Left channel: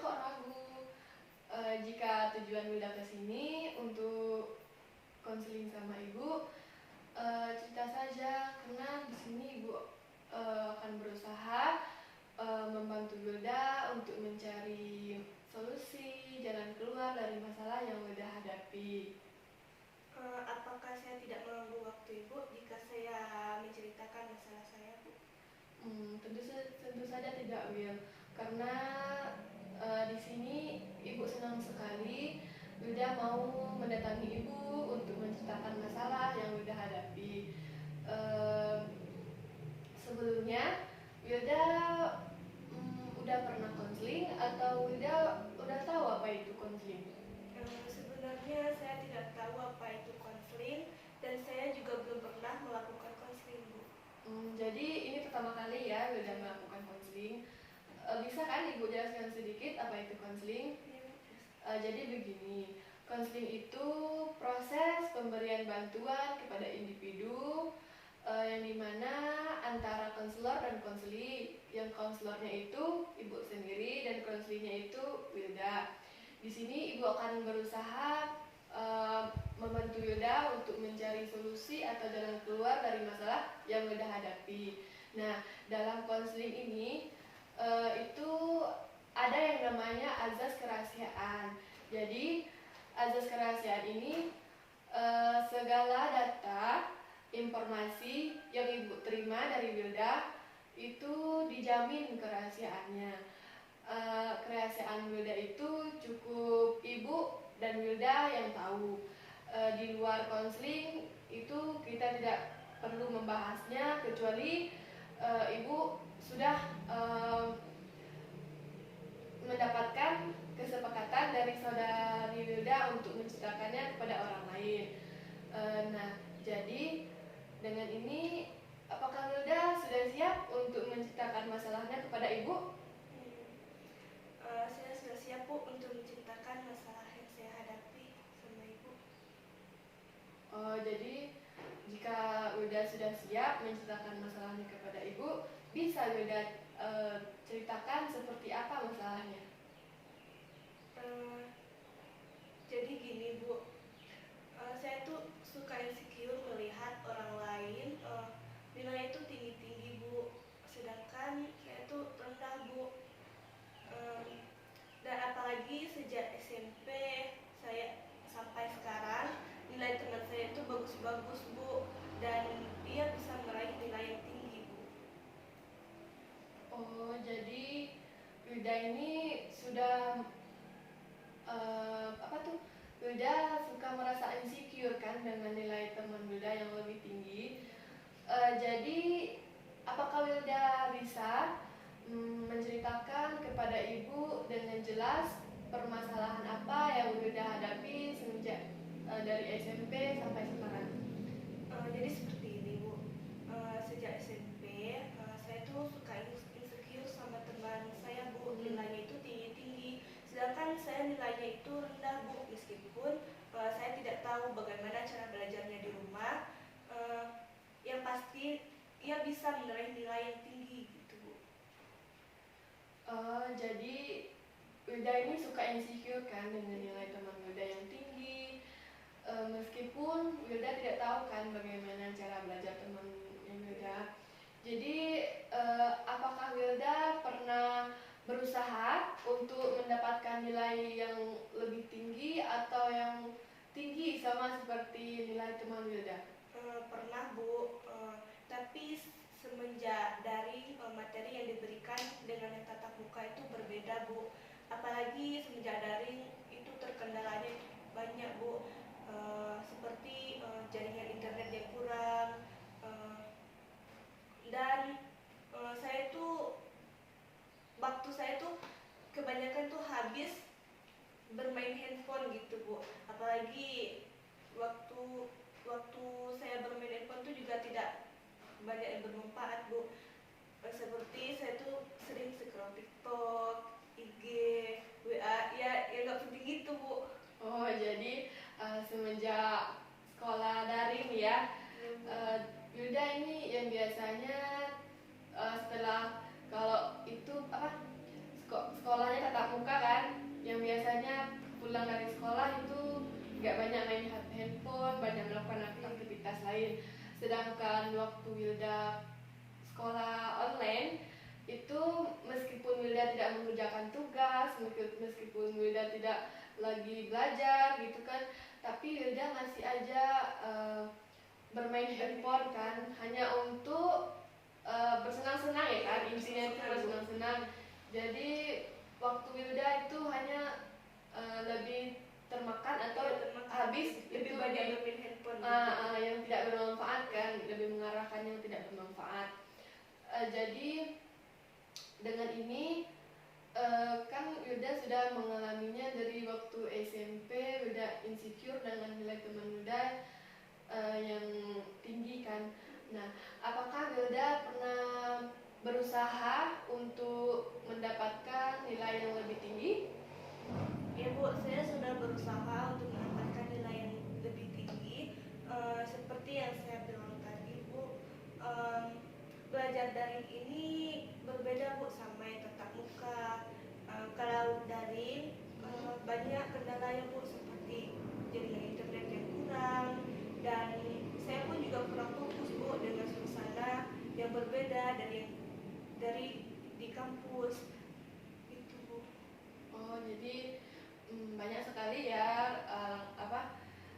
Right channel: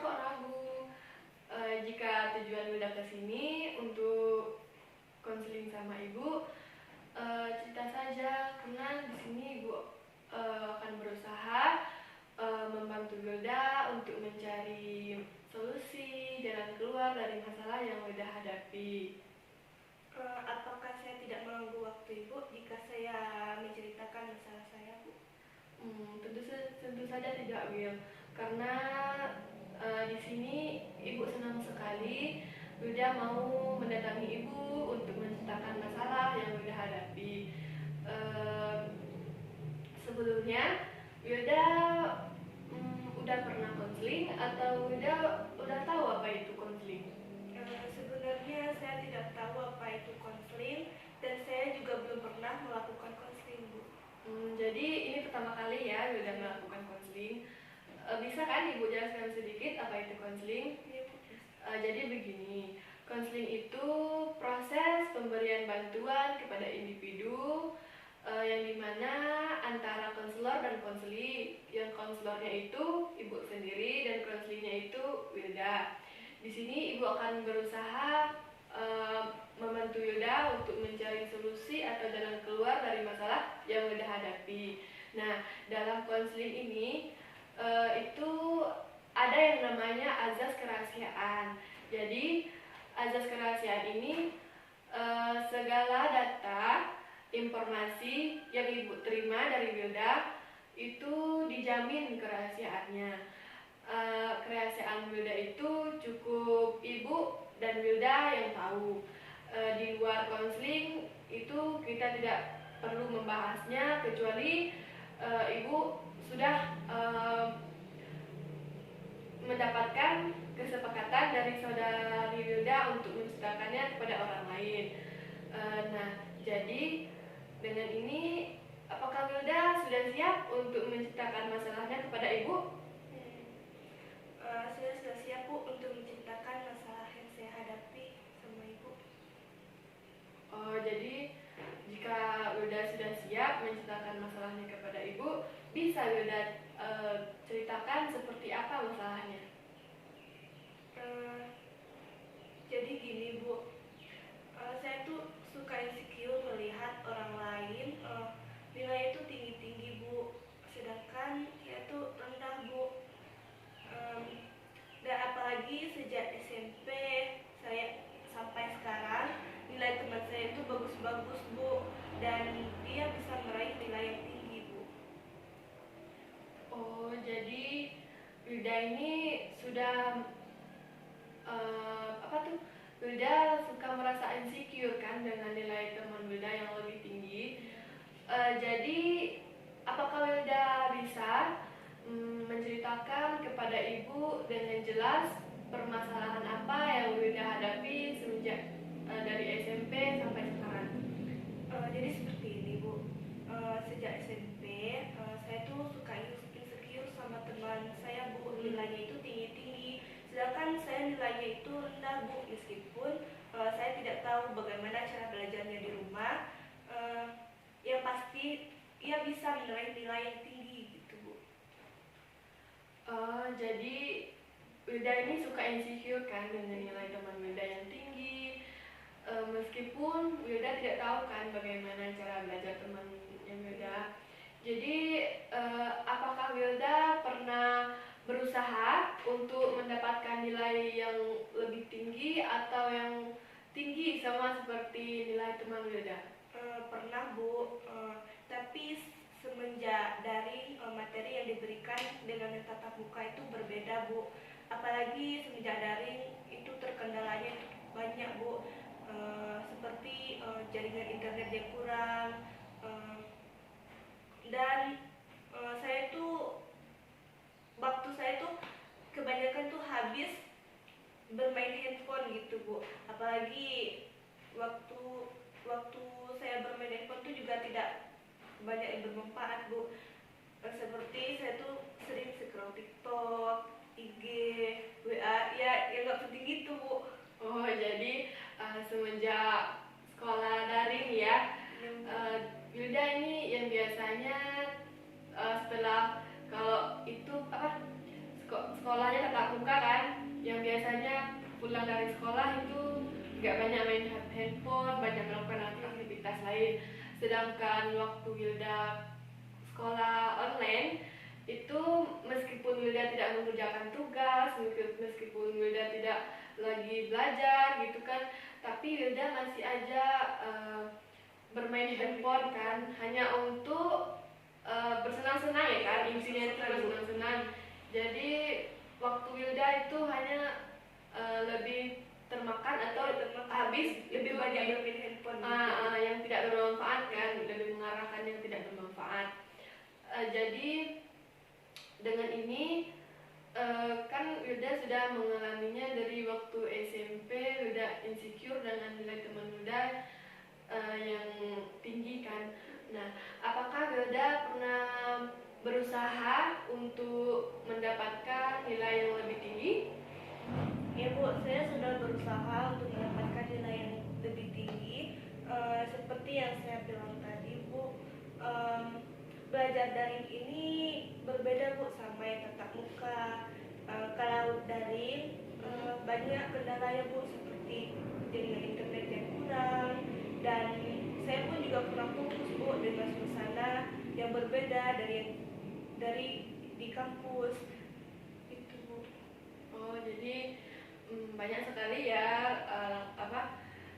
kok ragu. Jika tujuan Wilda ke sini untuk konseling sama ibu, cerita saja, karena di sini ibu akan berusaha membantu Wilda untuk mencari solusi, jalan keluar dari masalah yang Wilda hadapi. Apakah saya tidak mengganggu waktu ibu jika saya menceritakan masalah saya, Bu? Tentu saja tidak, Will, karena di sini ibu senang sekali Wilda mau mendatangi ibu untuk menceritakan masalah yang Wilda hadapi. Sebelumnya Wilda udah pernah konseling atau Wilda udah tahu apa itu konseling? Sebenarnya saya tidak tahu apa itu konseling dan saya juga belum pernah melakukan konseling, Bu. Jadi ini pertama kali ya Wilda melakukan konseling. Bisa kan ibu jelaskan sedikit apa itu konseling? Iya, Bu. Jadi begini, konseling itu proses pemberian bantuan kepada individu yang dimana antara konselor dan konseli. Yang konselornya itu ibu sendiri dan konselinya itu Wilda. Di sini ibu akan berusaha membantu Wilda untuk mencari solusi atau jalan keluar dari masalah yang Wilda hadapi. Nah, dalam konseling ini itu ada yang namanya azas kerahasiaan. Jadi azas kerahasiaan ini segala data, informasi yang ibu terima dari Wilda itu dijamin kerahasiaannya. Kerahasiaan Wilda itu cukup ibu dan Wilda yang tahu. Di luar konseling itu kita tidak perlu membahasnya kecuali ibu sudah mendapatkan kesepakatan dari saudari Wilda untuk menceritakannya kepada orang lain. Nah, jadi dengan ini apakah Wilda sudah siap untuk menceritakan masalahnya kepada ibu? Saya sudah siap, Bu, untuk menceritakan masalah yang saya hadapi sama ibu. Jadi jika Wilda sudah siap menceritakan masalahnya kepada ibu, bisa Wilda ceritakan seperti apa masalahnya? Jadi gini, Bu, saya tuh suka insecure melihat orang lain nilainya itu tinggi-tinggi, Bu, sedangkan saya tuh rendah, Bu. Dan apalagi sejak SMP saya sampai sekarang nilai teman saya itu bagus-bagus, Bu, dan dia bisa meraih nilai yang tinggi, Bu. Jadi Wilda ini sudah Wilda suka merasa insecure kan dengan nilai teman Wilda yang lebih tinggi. Jadi apakah Wilda bisa menceritakan kepada ibu dengan jelas permasalahan apa yang Wilda hadapi semenjak dari SMP sampai sekarang? Jadi seperti ini, Bu. Sejak SMP saya tuh suka insecure sama teman saya, Bu. Nilainya itu tinggi-tinggi, sedangkan saya nilainya itu rendah, Bu. Meskipun saya tidak tahu bagaimana cara belajarnya di rumah, yang pasti ia bisa meraih nilai yang tinggi gitu, Bu. Jadi Wilda ini suka insecure kan dengan nilai teman Wilda yang tinggi, meskipun Wilda tidak tahu kan bagaimana cara belajar temannya Wilda. Jadi apakah Wilda pernah berusaha untuk mendapatkan nilai yang lebih tinggi atau yang tinggi sama seperti nilai teman Wilda? Pernah, Bu, tapi semenjak daring materi yang diberikan dengan yang tatap muka itu berbeda, Bu. Apalagi semenjak daring itu terkendalanya banyak, Bu, seperti jaringan internet yang kurang, dan saya tuh waktu saya tuh kebanyakan tuh habis bermain handphone gitu, Bu. Apalagi waktu saya bermain handphone tuh juga tidak banyak yang bermanfaat, Bu. Seperti saya tuh sering scroll TikTok, IG, WA, ya yang nggak penting gitu, Bu. Jadi semenjak sekolah daring ya, Wilda ini yang biasanya setelah kalau itu sekolahnya tatap muka kan, kelas lain. Sedangkan waktu Wilda sekolah online itu meskipun Wilda tidak mengerjakan tugas, meskipun Wilda tidak lagi belajar gitu kan, tapi Wilda masih aja bermain handphone kan, hanya untuk bersenang-senang ya kan, intinya itu bersenang-senang. Jadi waktu Wilda itu hanya lebih termakan atau habis lebih itu banyak bermain handphone yang tidak bermanfaat kan, lebih mengarahkan yang tidak bermanfaat. Jadi dengan ini kan Wilda sudah mengalaminya dari waktu SMP. Wilda insecure dengan nilai teman Wilda yang tinggi kan. Nah, apakah Wilda pernah berusaha untuk mendapatkan nilai yang lebih tinggi? Ya Bu, saya sudah berusaha untuk mendapatkan nilai yang lebih tinggi. Seperti yang saya bilang tadi Bu, belajar daring ini berbeda Bu sama yang tatap muka. Kalau daring banyak kendala ya Bu, seperti jaringan internet yang kurang, dan saya pun juga kurang fokus Bu dengan suasana yang berbeda dari di kampus itu Bu. Oh, jadi banyak sekali ya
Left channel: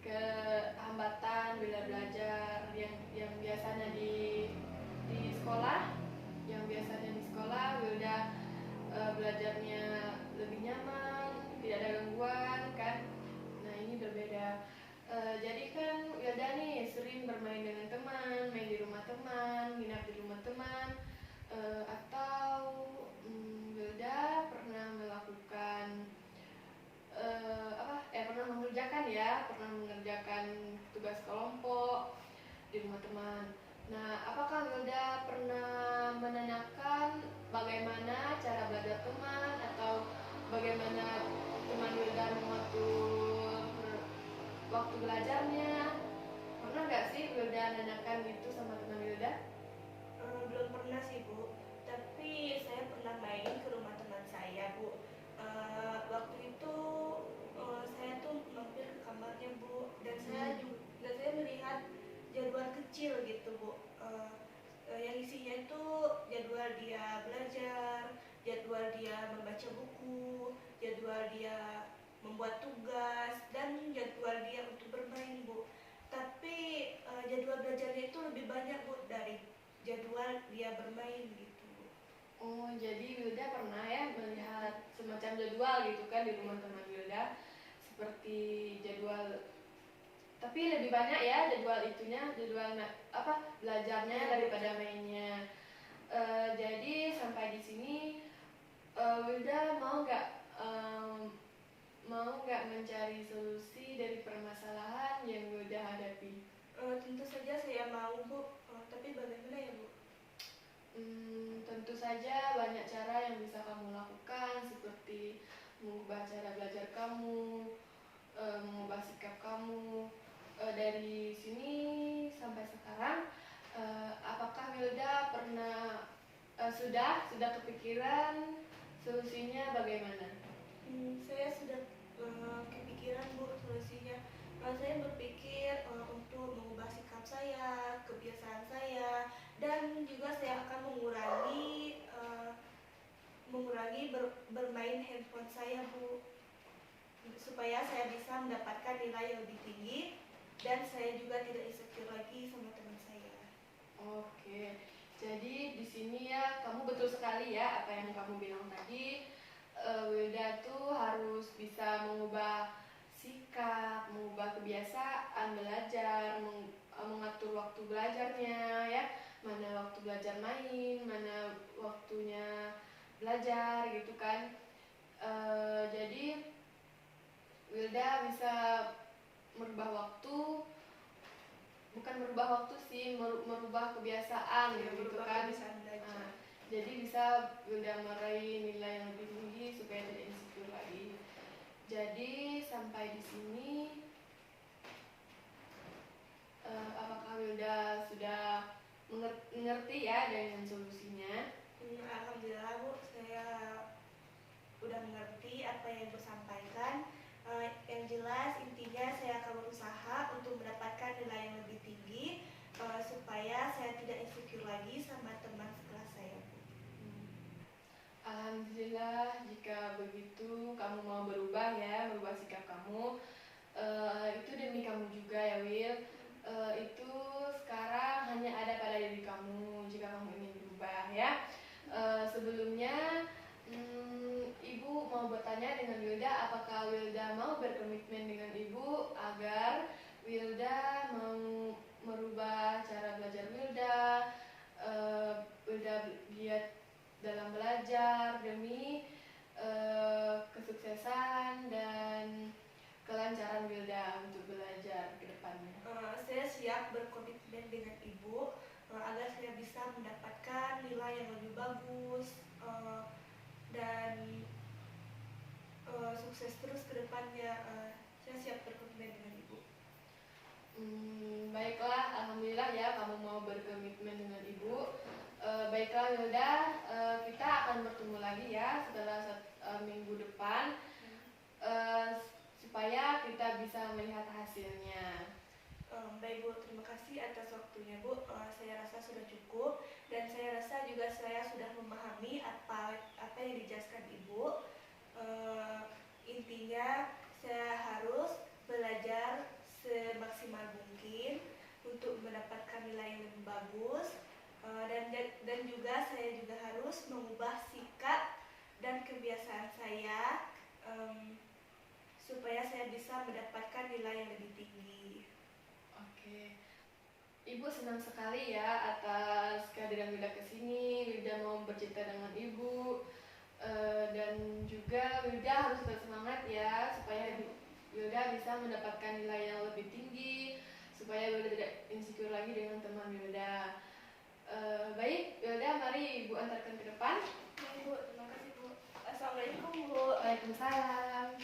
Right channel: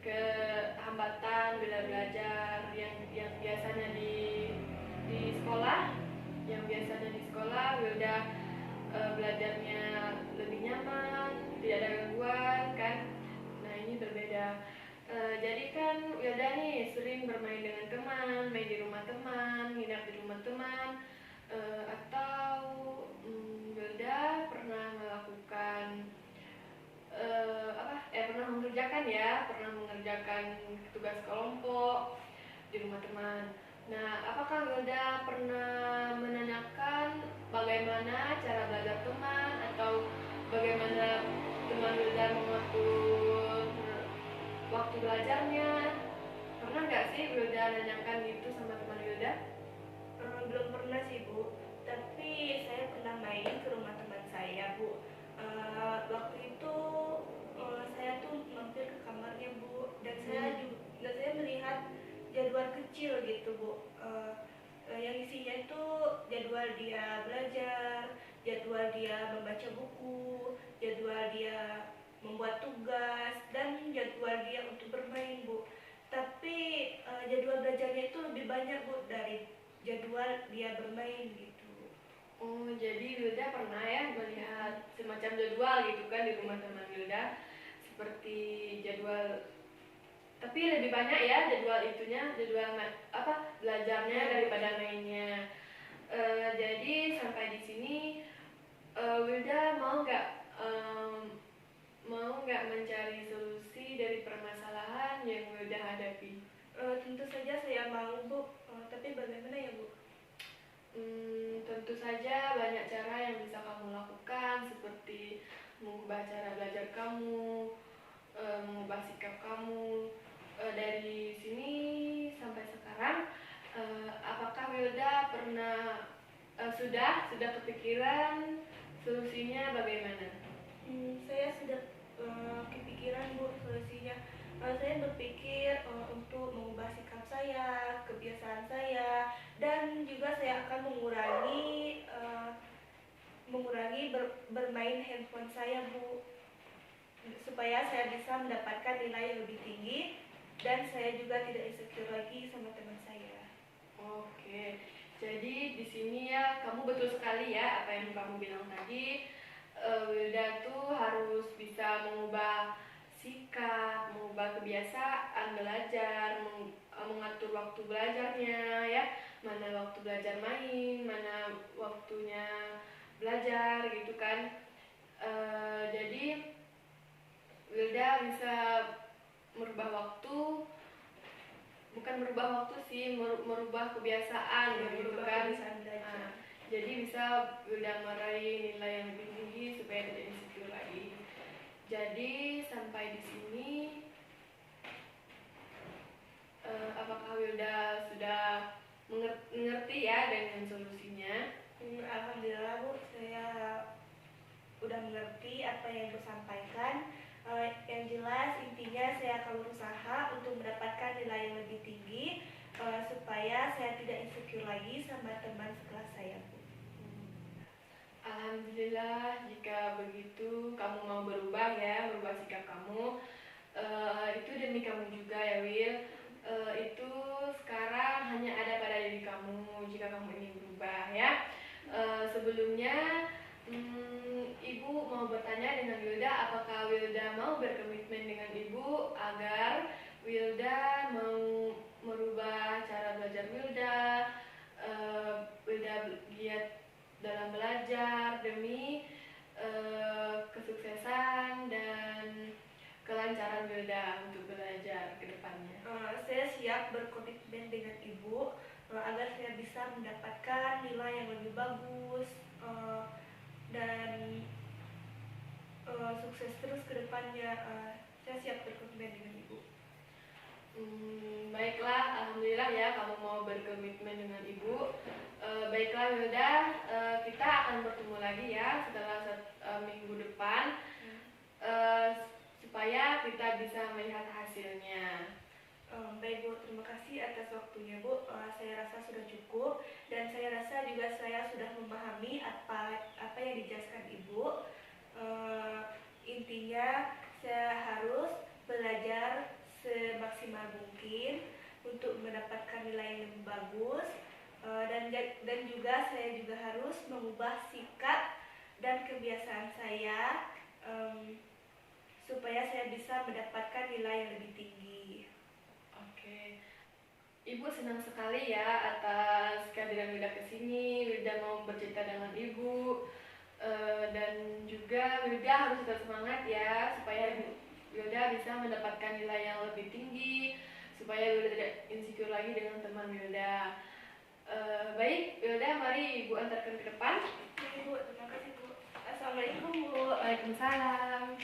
kehambatan bila belajar yang biasanya di sekolah, Wilda belajarnya lebih nyaman, tidak ada gangguan kan. Nah, ini berbeda. Jadi kan Wilda nih sering bermain dengan teman, main di rumah teman, nginap di rumah teman, atau Wilda pernah melakukan pernah mengerjakan tugas kelompok di rumah teman. Nah, apakah Wilda pernah menanyakan bagaimana cara belajar teman atau bagaimana teman Wilda mengatur waktu belajarnya? Pernah nggak sih Wilda nanyakan itu sama teman Wilda? Belum pernah sih Bu, tapi saya pernah main ke rumah teman saya Bu. Waktu itu saya tuh mampir ke kamarnya Bu, dan saya melihat jadwal kecil gitu Bu, yang isinya itu jadwal dia belajar, jadwal dia membaca buku, jadwal dia membuat tugas, dan jadwal dia untuk bermain Bu. Tapi jadwal belajarnya itu lebih banyak Bu dari jadwal dia bermain gitu. Oh, jadi Wilda pernah ya melihat semacam jadwal gitu kan di rumah teman Wilda, seperti jadwal, tapi lebih banyak ya jadwal belajarnya daripada mainnya. Jadi sampai di sini Wilda mau nggak mencari solusi dari permasalahan yang Wilda hadapi? Tentu saja saya mau Bu, tapi bagaimana ya Bu? Tentu saja banyak cara yang bisa kamu lakukan, seperti mengubah cara belajar kamu, mengubah sikap kamu. Dari sini sampai sekarang, apakah Wilda pernah sudah kepikiran solusinya bagaimana? Saya sudah kepikiran Bu solusinya. Saya berpikir untuk mengubah sikap saya, kebiasaan saya, dan juga saya akan mengurangi bermain handphone saya Bu, supaya saya bisa mendapatkan nilai yang lebih tinggi dan saya juga tidak insecure lagi sama teman saya. Oke, jadi di sini ya kamu betul sekali ya apa yang kamu bilang tadi. Wilda tuh harus bisa mengubah sikap, mengubah kebiasaan belajar, mengatur waktu belajarnya ya, mana waktu belajar main, mana waktunya belajar gitu kan. Jadi Wilda bisa merubah waktu, bukan merubah waktu sih, merubah kebiasaan gitu kan. Jadi bisa Wilda meraih nilai yang lebih tinggi supaya tidak insecure lagi. Jadi sampai di sini apakah Wilda sudah mengerti ya dengan solusinya? Alhamdulillah Bu, saya udah mengerti apa yang Ibu sampaikan. Yang jelas intinya saya akan berusaha untuk mendapatkan nilai yang lebih tinggi supaya saya tidak insecure lagi sama teman sekelas saya, Bu. Alhamdulillah, jika begitu kamu mau berubah ya, berubah sikap kamu. Itu demi kamu juga ya Will. Itu sekarang hanya ada pada diri kamu jika kamu ingin berubah ya. Sebelumnya Ibu mau bertanya dengan Wilda, apakah Wilda mau berkomitmen dengan Ibu agar Wilda mau merubah cara belajar Wilda, Wilda giat dalam belajar demi kesuksesan dan kelancaran Wilda untuk belajar ke depannya. Saya siap berkomitmen dengan Ibu agar saya bisa mendapatkan nilai yang lebih bagus dan sukses terus ke depannya. Saya siap berkomitmen dengan Ibu. Baiklah, alhamdulillah ya kamu mau berkomitmen dengan Ibu. Baiklah Wilda, kita akan bertemu lagi ya setelah minggu depan supaya kita bisa melihat hasilnya. Baik Bu, terima kasih atas waktunya Bu. Saya rasa sudah cukup dan saya rasa juga saya sudah memahami apa yang dijelaskan Ibu. Intinya saya harus belajar semaksimal mungkin untuk mendapatkan nilai yang lebih bagus dan juga saya juga harus mengubah sikap dan kebiasaan saya supaya saya bisa mendapatkan nilai yang lebih tinggi. Oke, Ibu senang sekali ya atas kehadiran Wilda ke sini. Wilda mau bercerita dengan Ibu dan juga Wilda harus tetap semangat ya supaya Wilda bisa mendapatkan nilai yang lebih tinggi, supaya Wilda tidak insecure lagi dengan teman Wilda. Baik, Wilda, mari Ibu antarkan ke depan. Baik Bu, terima kasih Bu. Assalamualaikum Bu. Waalaikumsalam.